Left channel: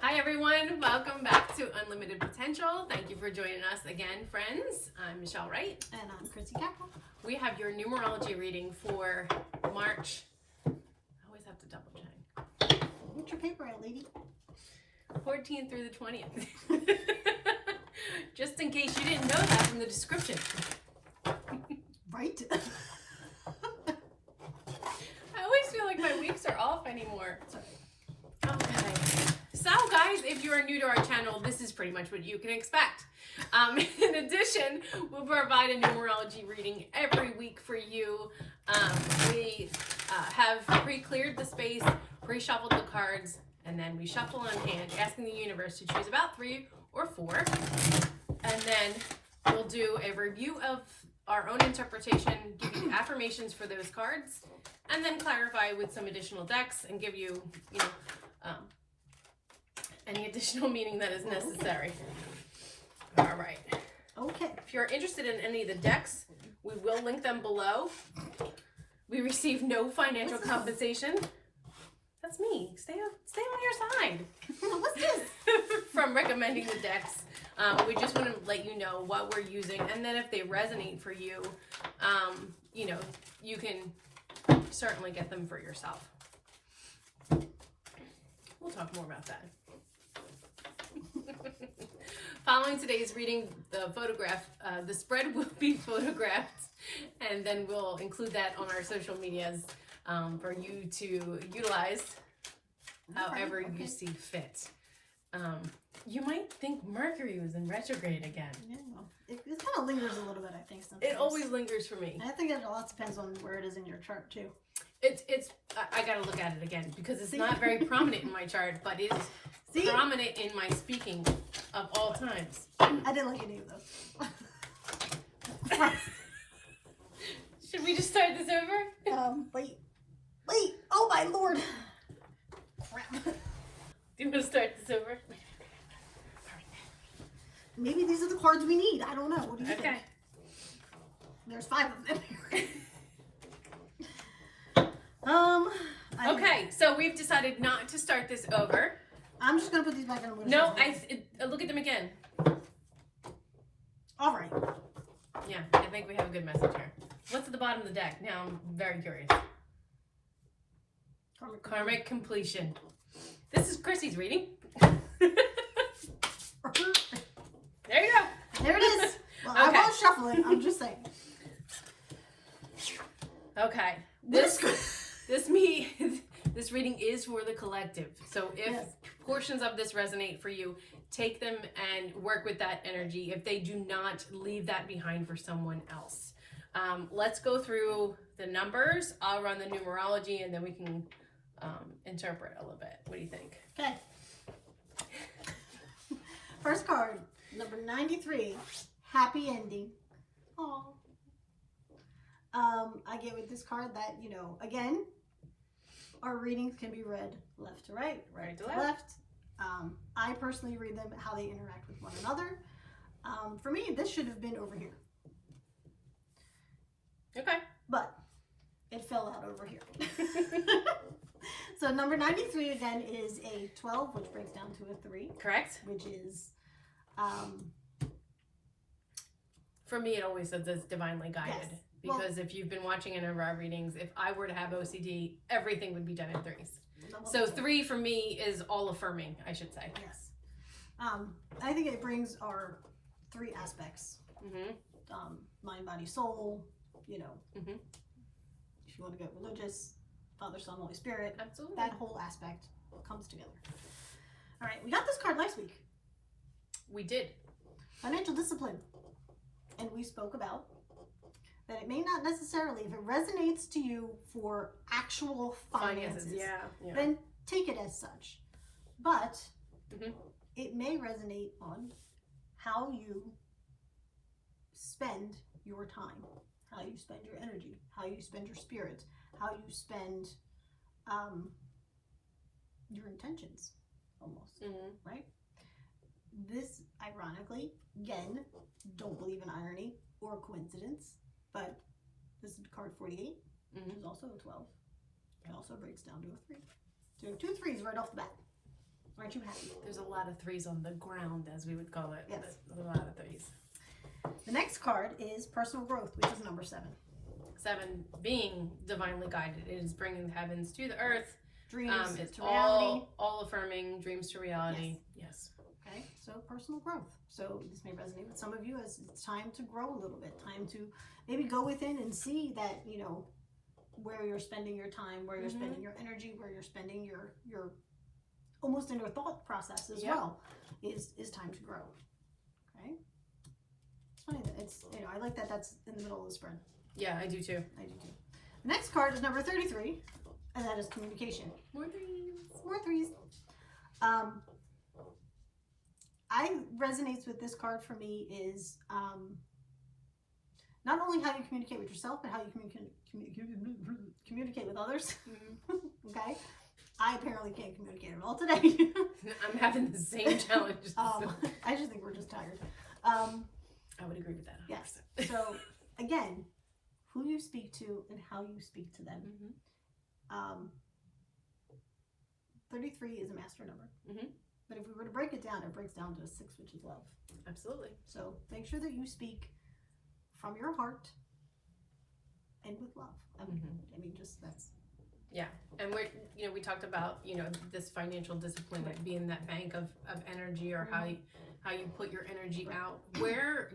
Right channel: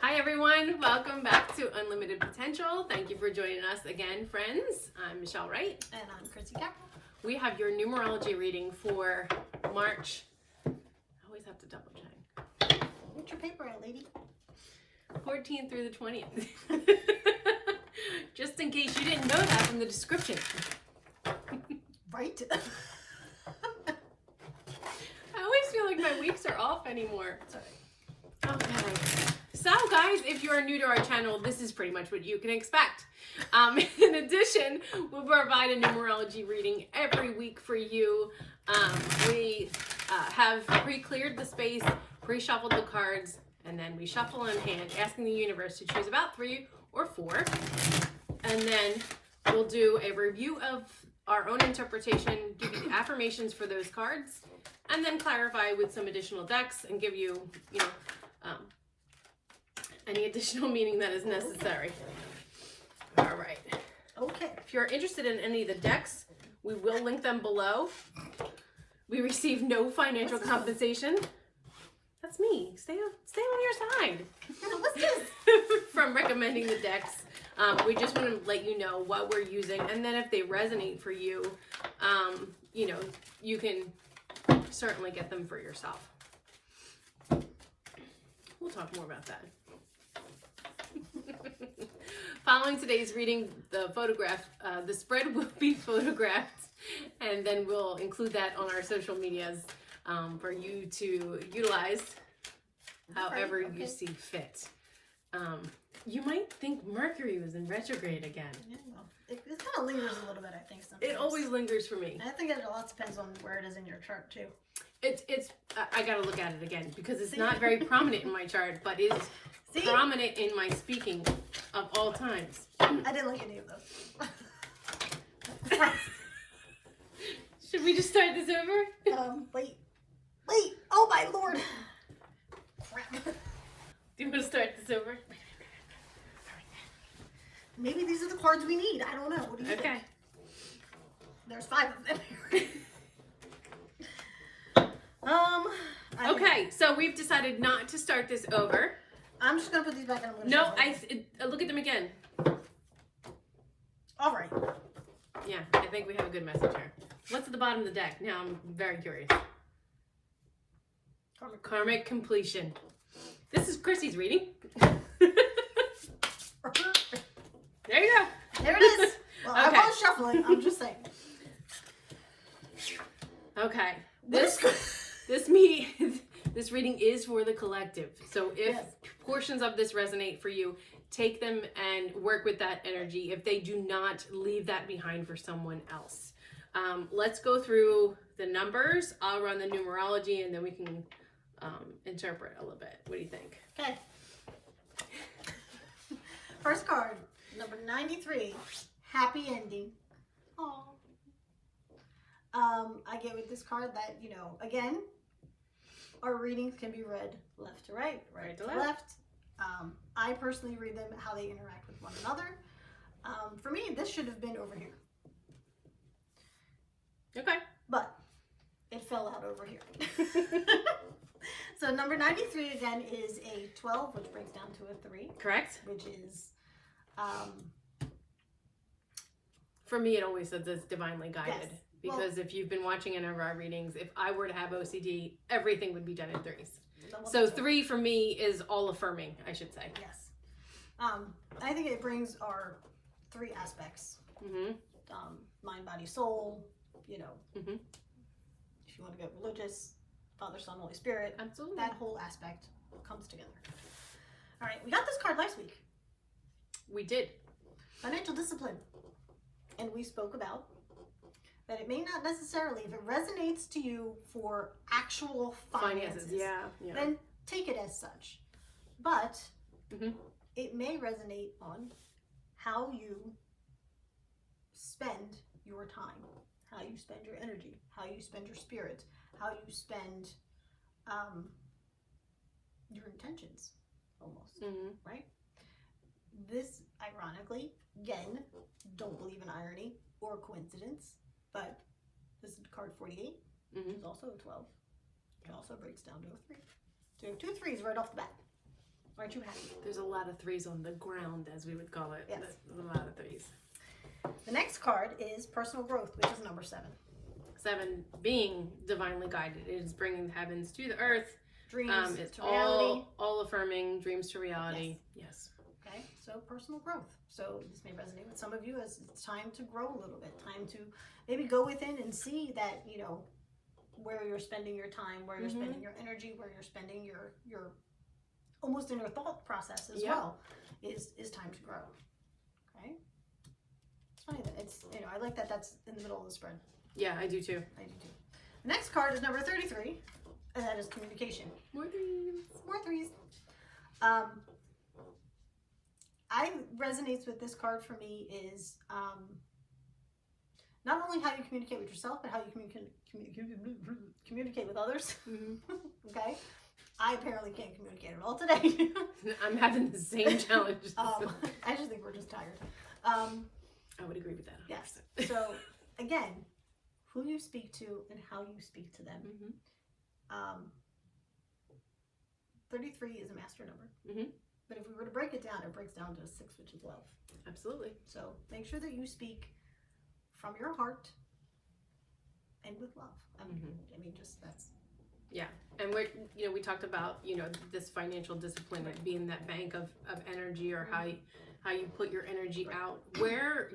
Hi everyone, welcome back to Unlimited Potential. Thank you for joining us again, friends. I'm Michelle Wright. And I'm Chrissy Capel. We have your numerology reading for March. I always have to double check. What's your paper out, lady? 14th through the 20th. Just in case you didn't know that from the description. Right? I always feel like my weeks are off anymore. Sorry. Okay. So guys, if you're new to our channel, this is pretty much what you can expect. In addition, we'll provide a numerology reading every week for you. We have pre-cleared the space, pre-shuffled the cards, and then we shuffle in hand, asking the universe to choose about 3 or 4. And then we'll do a review of our own interpretation, give you affirmations for those cards, and then clarify with some additional decks and give you, any additional meaning that is necessary. All right. Okay. If you're interested in any of the decks, we will link them below. We receive no financial compensation. That's me. Stay on your side. What's this? From recommending the decks. We just want to let you know what we're using, and then if they resonate for you, you can certainly get them for yourself. We'll talk more about that. Following today's reading, the spread will be photographed, and then we'll include that on our social medias for you to utilize however you see fit. You might think Mercury was in retrograde again. Yeah, well, it kind of lingers a little bit, I think. Sometimes. It always lingers for me. I think it a lot depends on where it is in your chart too. I gotta look at it again because it's not very prominent in my chart, but it is prominent in my speaking of all times. I didn't like any of those. Should we just start this over? Wait. Oh my lord. Crap. Do you want to start this over? Maybe these are the cards we need. I don't know. What do you think? There's 5 of them here. Okay, so we've decided not to start this over. I'm just gonna put these back in. No, look at them again. All right. Yeah, I think we have a good message here. What's at the bottom of the deck? Now I'm very curious. Karmic completion. This is Chrissy's reading. There you go. There it is. Well, okay. I was shuffling. I'm just saying. Okay. This reading is for the collective. So if portions of this resonate for you, take them and work with that energy. If they do not, leave that behind for someone else. Let's go through the numbers. I'll run the numerology and then we can interpret a little bit. What do you think? Okay. First card, number 93, happy ending. Oh. I get with this card that, again, our readings can be read left to right to left. I personally read them how they interact with one another. For me, this should have been over here. Okay. But it fell out over here. So number 93 again is a 12, which breaks down to a 3. Correct. Which is, for me, it always says it's divinely guided. Yes. Because if you've been watching any of our readings, if I were to have OCD, everything would be done in 3s. So 3 for me is all affirming, I should say. Yes. I think it brings our 3 aspects. Mind, body, soul, If you want to get religious, Father, Son, Holy Spirit. Absolutely. That whole aspect comes together. All right, we got this card last week. We did. Financial discipline. And we spoke about that it may not necessarily, if it resonates to you for actual finances, then take it as such. But it may resonate on how you spend your time, how you spend your energy, how you spend your spirit, how you spend your intentions, almost, right? This, ironically, again, don't believe in irony or coincidence, but this is card 48, which is also a 12. It also breaks down to a 3. So 2 3s right off the bat. Aren't you happy? There's a lot of threes on the ground, as we would call it. Yes. There's a lot of threes. The next card is personal growth, which is number 7. 7 being divinely guided. It is bringing the heavens to the earth. Dreams it's to reality. All affirming dreams to reality. Yes. Okay, so personal growth. So this may resonate with some of you as it's time to grow a little bit. Time to maybe go within and see that, you know, where you're spending your time, where you're spending your energy, where you're spending your almost in your thought process as well is time to grow. Okay. It's funny that it's, you know, I like that that's in the middle of the spread. Yeah, I do too. I do too. The next card is number 33, and that is communication. More threes. More threes. I resonates with this card for me is not only how you communicate with yourself, but how you communicate with others. Okay, I apparently can't communicate at all today. I'm having the same challenge. I just think we're just tired. I would agree with that. 100%. Yes. So again, who you speak to and how you speak to them. 33 is a master number. But if we were to break it down, it breaks down to 6, which is love. Absolutely. So make sure that you speak from your heart and with love. I mean, just that's. Yeah, and we talked about, this financial discipline, like being that bank of energy, or how you put your energy out. Where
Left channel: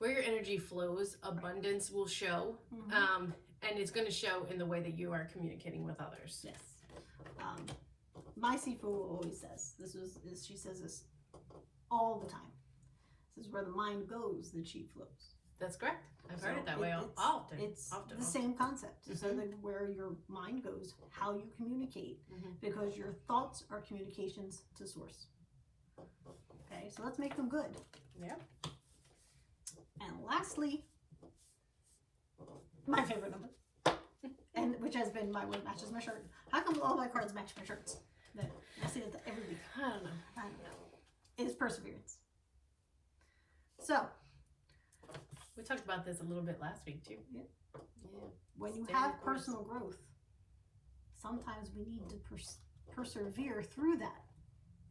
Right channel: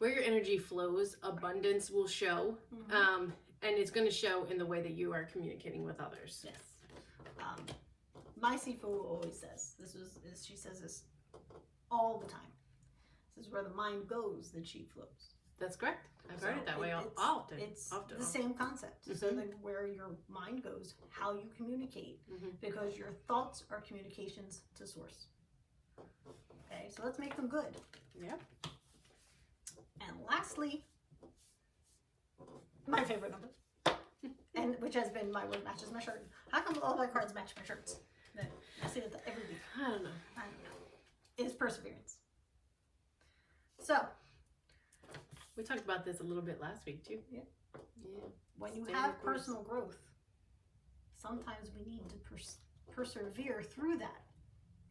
your energy flows, abundance will show, and it's going to show in the way that you are communicating with others. Yes. My Sifu always says, she says this all the time. This is where the mind goes, the chi flows. That's correct. I've heard it that way often. It's the same concept. So like where your mind goes, how you communicate, because your thoughts are communications to source. Okay, so let's make them good. Yeah. And lastly, my favorite number, and which has been my word matches my shirt. How come all my cards match my shirts? I say that every week. I don't know. Is perseverance. So we talked about this a little bit last week too. Yeah. When you have personal growth, sometimes we need to persevere through that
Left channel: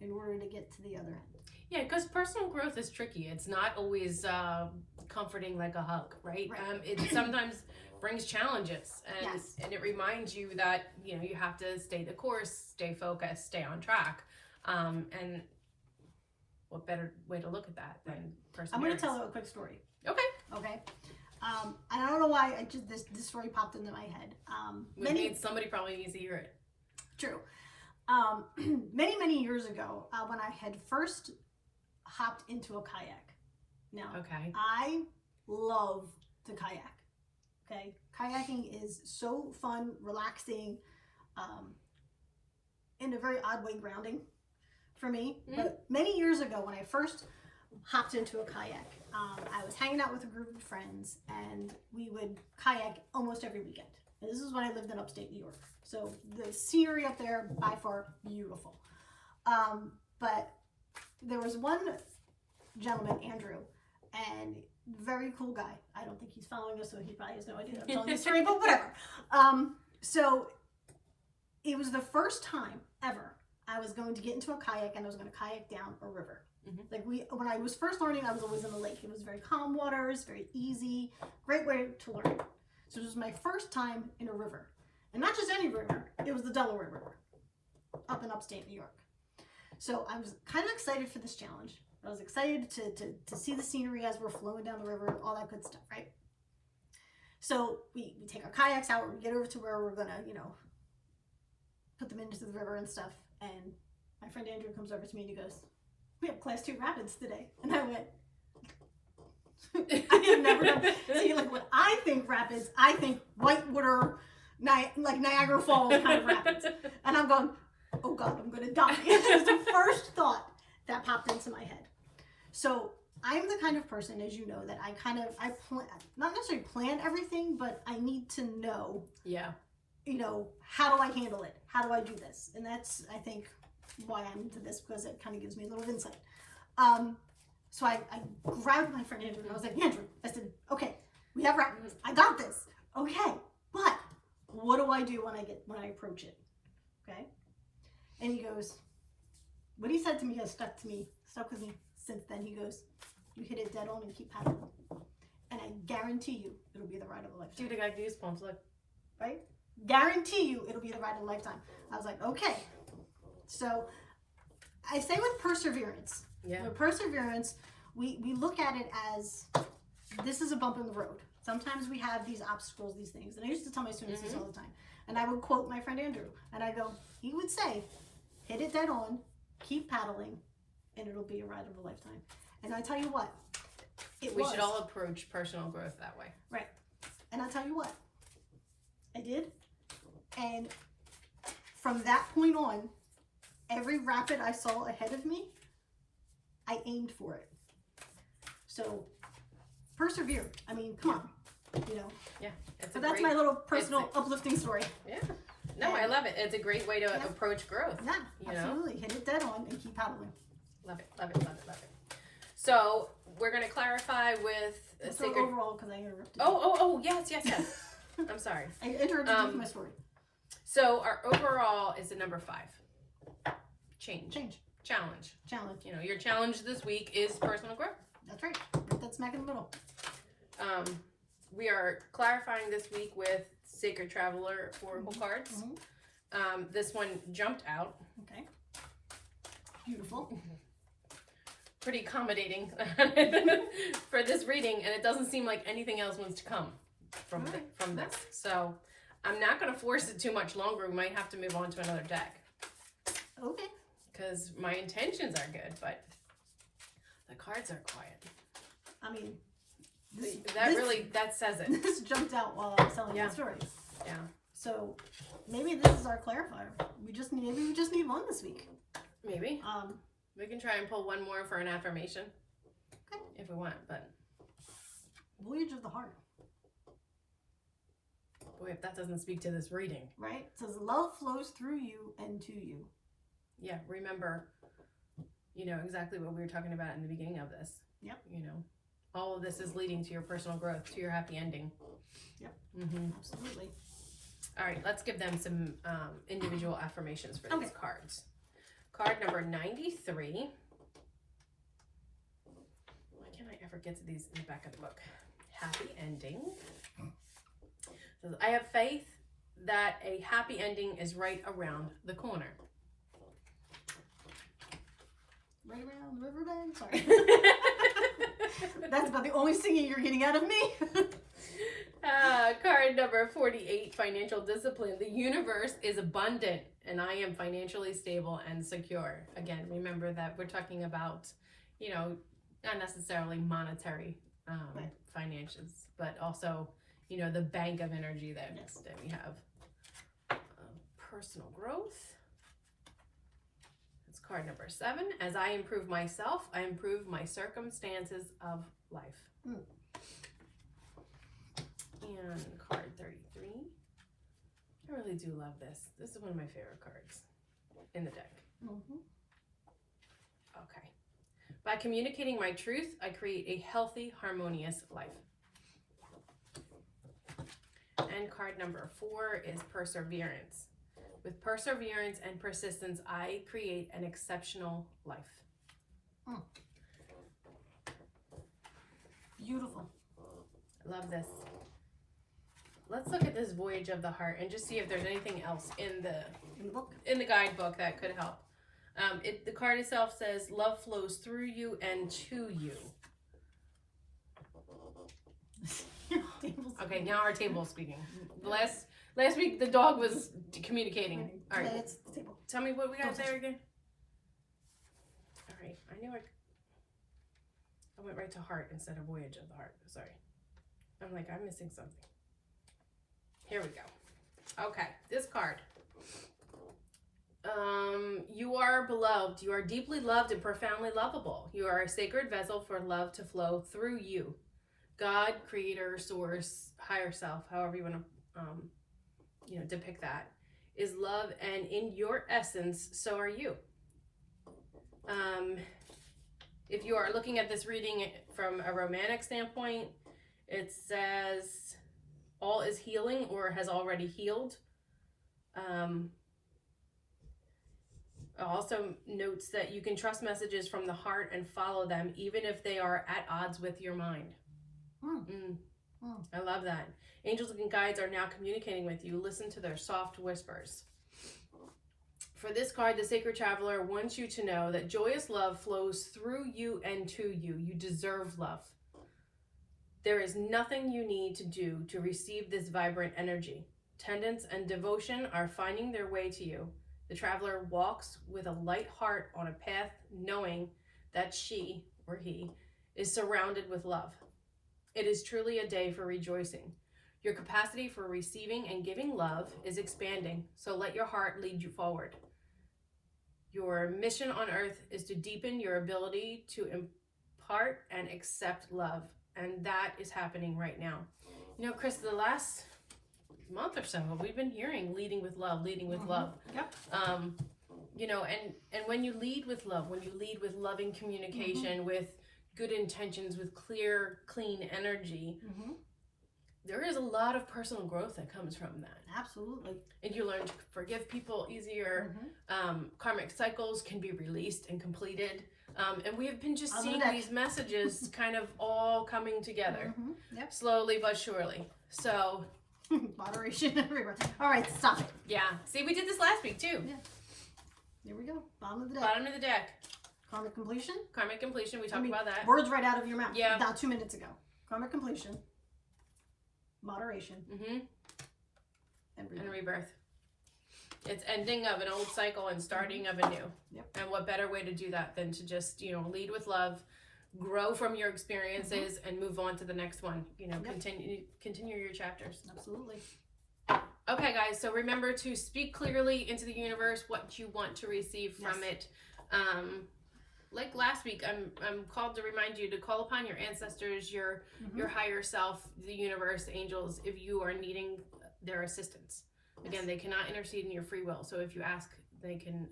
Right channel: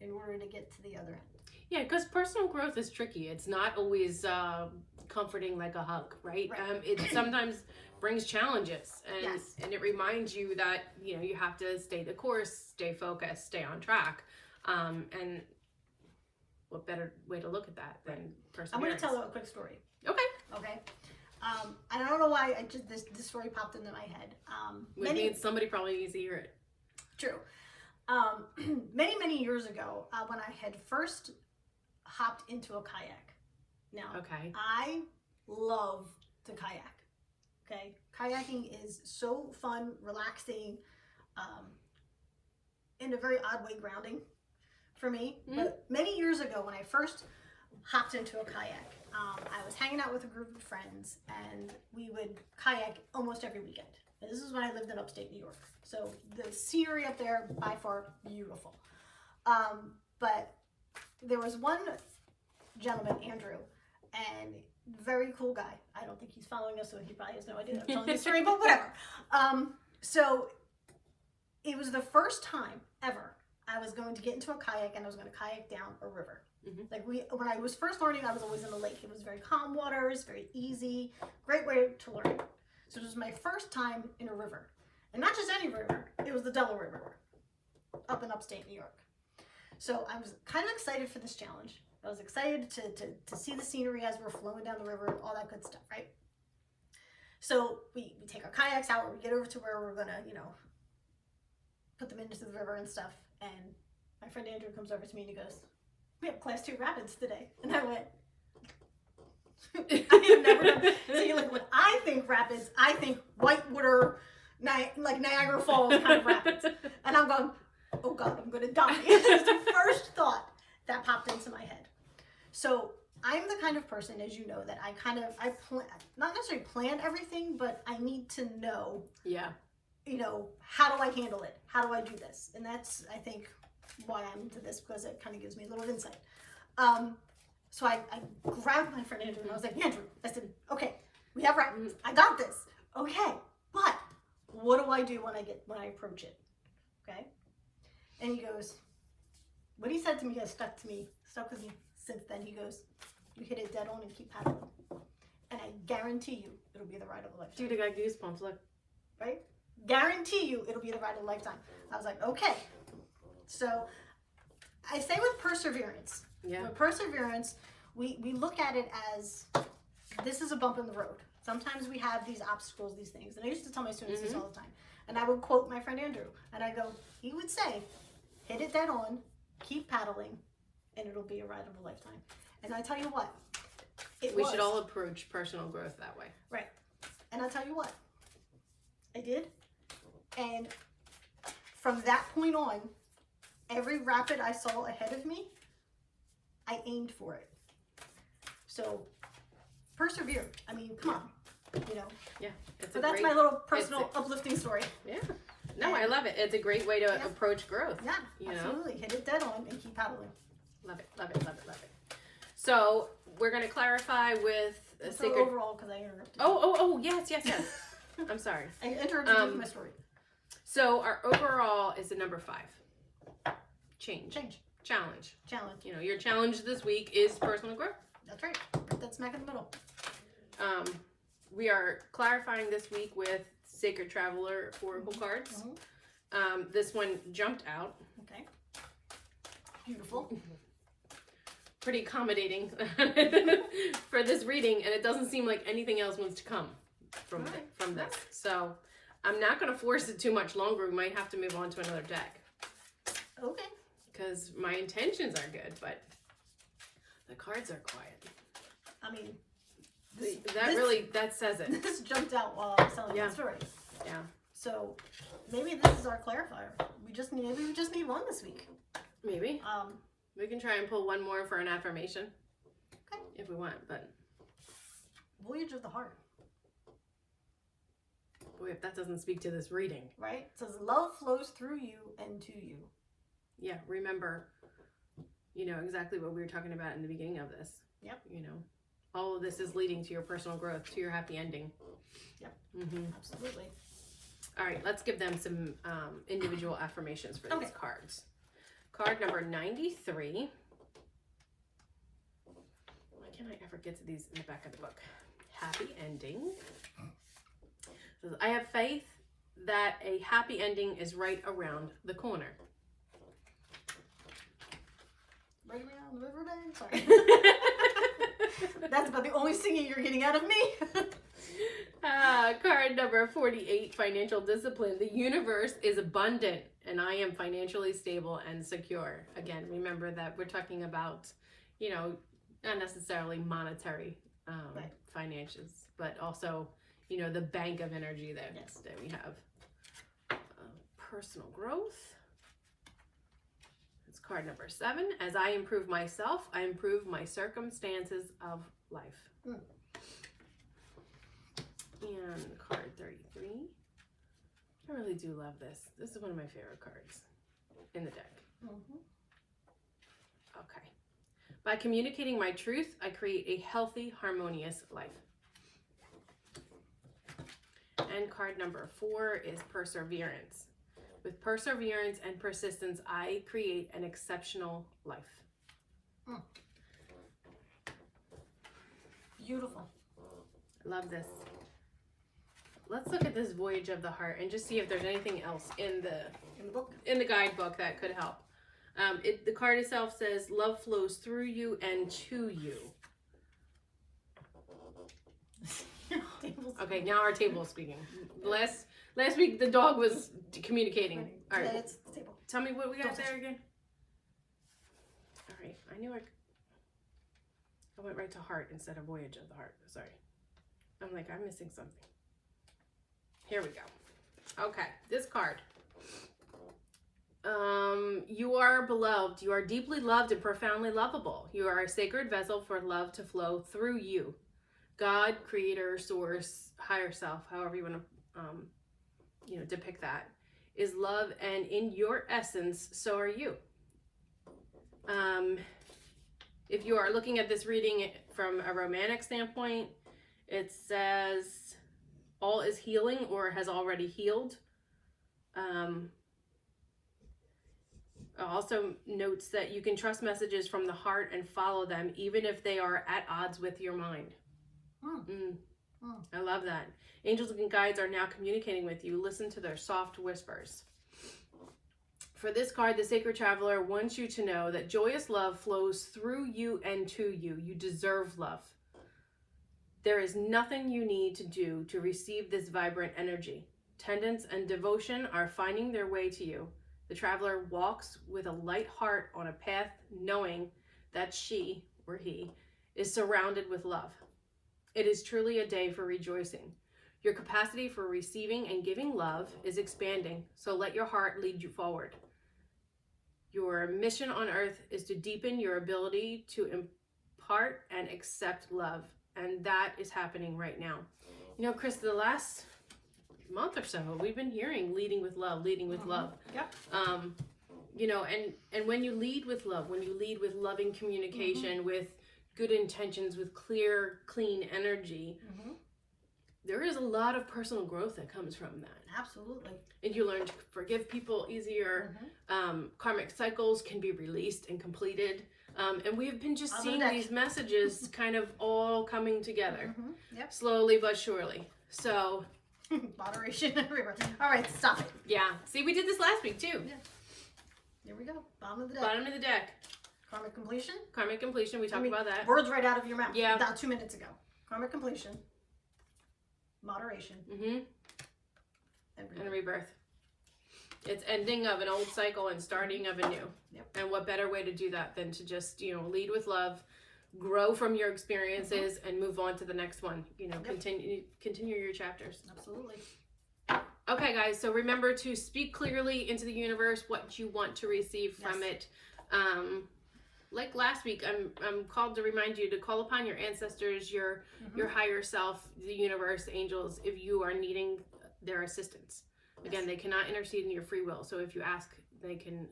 in order to get to the other end. Yeah, because personal growth is tricky. It's not always comforting like a hug, right? It sometimes brings challenges, and it reminds you that you have to stay the course, stay focused, stay on track. And what better way to look at that than perseverance? I'm going to tell a quick story. Okay. And I don't know why this story popped into my head. Somebody probably needs to hear it. True. Many years ago, when I had first hopped into a kayak. Now, I love to kayak. Okay, kayaking is so fun, relaxing, in a very odd way grounding for me. But many years ago, when I first hopped into a kayak, I was hanging out with a group of friends, and we would kayak almost every weekend. And this is when I lived in upstate New York. So the scenery up there, by far, beautiful. But there was one gentleman, Andrew, and very cool guy. I don't think he's following us, so he probably has no idea that I'm telling this story, but whatever. So it was the first time ever I was going to get into a kayak, and I was going to kayak down a river. Like when I was first learning, I was always in the lake. It was very calm waters, very easy, great way to learn. So it was my first time in a river. And not just any river, it was the Delaware River up in upstate New York. So I was kind of excited for this challenge. I was excited to see the scenery as we're flowing down the river, all that good stuff, right? So we take our kayaks out, we get over to where we're gonna, put them into the river and stuff. And my friend Andrew comes over to me and he goes, "We have class 2 rapids today." And I went, I have never done. See, like when I think rapids, I think whitewater, like Niagara Falls kind of rapids. And I'm going, oh God, I'm going to die. It's the first thought that popped into my head. So I'm the kind of person, as you know, that I plan, not necessarily plan everything, but I need to know, how do I handle it? How do I do this? And that's, I think, why I'm into this, because it kind of gives me a little insight. So I grabbed my friend Andrew and I was like, Andrew, I said, okay, we have rapids. I got this. Okay, but what do I do when I approach it? Okay. And he goes, what he said to me has stuck with me since then. He goes, you hit it dead on and keep paddling. And I guarantee you, it'll be the ride of a lifetime. Dude, I got goosebumps, look. Right? Guarantee you, it'll be the ride of a lifetime. I was like, okay. So, I say with perseverance. Yeah. With perseverance, we look at it as, this is a bump in the road. Sometimes we have these obstacles, these things. And I used to tell my students this all the time. And I would quote my friend Andrew. And I go, he would say, hit it dead on, keep paddling, and it'll be a ride of a lifetime. And I tell you what, we should all approach personal growth that way. Right. And I'll tell you what, I did. And from that point on, every rapid I saw ahead of me, I aimed for it. So persevere. I mean, come on, you know. Yeah. So that's my little personal uplifting story. Yeah. No, I love it. It's a great way to approach growth. Yeah, you absolutely. Hit it dead on and keep paddling. Love it, love it, love it, love it. So we're going to clarify with a sacred... overall, because I interrupted. Oh, yes. I'm sorry. I interrupted you with my story. So our overall is a number 5. Change. Challenge. You know, your challenge this week is personal growth. That's right. That's smack in the middle. We are clarifying this week with Sacred Traveler Oracle cards. This one jumped out. Okay. Beautiful. Pretty accommodating for this reading, and it doesn't seem like anything else wants to come from this. So I'm not going to force it too much longer. We might have to move on to another deck. Okay. Because my intentions are good, but the cards are quiet. I mean, that says it. This jumped out while I was telling the stories. Yeah. So maybe this is our clarifier. We just need one this week. Maybe. We can try and pull one more for an affirmation. Okay. If we want, but Voyage of the Heart. Boy, if that doesn't speak to this reading. Right? It says love flows through you and to you. Yeah, remember, you know, exactly what we were talking about in the beginning of this. Yep. You know, all of this is leading to your personal growth, to your happy ending. Yep. Absolutely. All right, let's give them some individual affirmations for these cards. Card number 93. Why can't I ever get to these in the back of the book? Happy ending. Says, I have faith that a happy ending is right around the corner. Right around the riverbed? Sorry. That's about the only singing you're getting out of me. Card number 48, financial discipline. The universe is abundant and I am financially stable and secure. Again, remember that we're talking about, you know, not necessarily monetary finances, but also, you know, the bank of energy that we have. Personal growth. It's card number 7. As I improve myself, I improve my circumstances of life. And card 33. I really do love this. This is one of my favorite cards in the deck. Okay. By communicating my truth, I create a healthy, harmonious life. And card number 4 is perseverance. With perseverance and persistence, I create an exceptional life. Beautiful. Love this. Let's look at this Voyage of the Heart and just see if there's anything else in the book, in the guidebook that could help. The card itself says, love flows through you and to you. Okay, now our table is speaking. Last week the dog was communicating. All right, it's the table. Tell me what we got there again. All right, I knew I went right to heart instead of Voyage of the Heart. Sorry, I'm like, I'm missing something. Here we go. Okay, this card. You are beloved. You are deeply loved and profoundly lovable. You are a sacred vessel for love to flow through you. God, creator, source, higher self, however you want to, depict that, is love, and in your essence, so are you. If you are looking at this reading from a romantic standpoint, it says all is healing or has already healed. It also notes that you can trust messages from the heart and follow them, even if they are at odds with your mind. I love that. Angels and guides are now communicating with you. Listen to their soft whispers. For this card, the Sacred Traveler wants you to know that joyous love flows through you and to you. You deserve love. There is nothing you need to do to receive this vibrant energy. Tendance and devotion are finding their way to you. The traveler walks with a light heart on a path, knowing that she, or he, is surrounded with love. It is truly a day for rejoicing. Your capacity for receiving and giving love is expanding, so let your heart lead you forward. Your mission on earth is to deepen your ability to impart and accept love, and that is happening right now. You know, Chris, the last month or so, we've been hearing leading with love, leading with love. Yep. You know, and when you lead with love, when you lead with loving communication, with good intentions, with clear, clean energy, there is a lot of personal growth that comes from that. Absolutely. And you learn to forgive people easier. Karmic cycles can be released and completed. And we have been just seeing these messages kind of all coming together. Slowly but surely. So moderation everywhere. All right, stop it. Yeah. See, we did this last week too. Yeah. Here we go. Bottom of the deck. Bottom of the deck. Karmic completion. Karmic completion. We talked about that. Words right out of your mouth. Yeah. About 2 minutes ago. Karmic completion. Moderation. And rebirth. It's ending of an old cycle and starting of a new. And what better way to do that than to just, you know, lead with love, grow from your experiences, and move on to the next one. You know, continue your chapters. Absolutely. Okay, guys. So remember to speak clearly into the universe what you want to receive from it. Like last week, I'm called to remind you to call upon your ancestors, your higher self, the universe, angels, if you are needing their assistance. Again, they cannot intercede in your free will. So if you ask, they can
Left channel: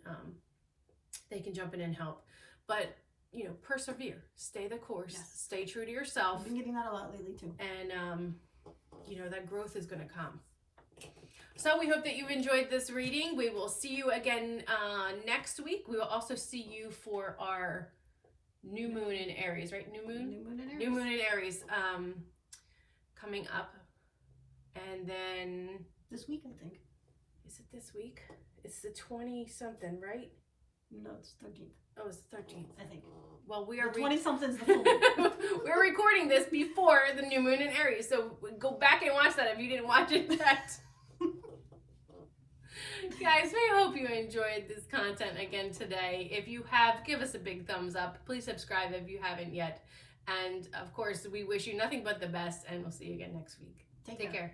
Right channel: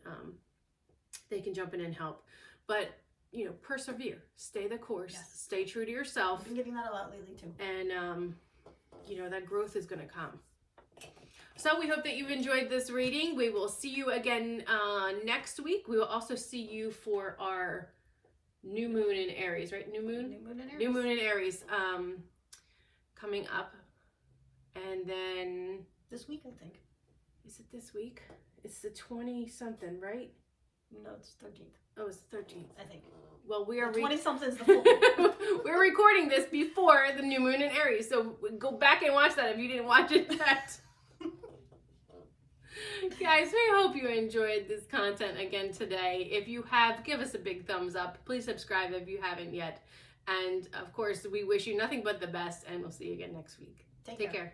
jump in and help. But you know, persevere, stay the course, stay true to yourself. I've been getting that a lot lately too. And you know, that growth is going to come. So we hope that you enjoyed this reading. We will see you again next week. We will also see you for our new moon in Aries, right? New moon in Aries. New moon in Aries coming up. And then this week, I think. Is it this week? It's the 20-something, right? No, it's 13th. Oh, it's the 13th. I think. Well, we are 20-something's the full moon. We're recording this before the new moon in Aries, so go back and watch that if you didn't watch it yet. Guys, we hope you enjoyed this content again today. If you have, give us a big thumbs up. Please subscribe if you haven't yet. And of course, we wish you nothing but the best, and we'll see you again next week. Take care.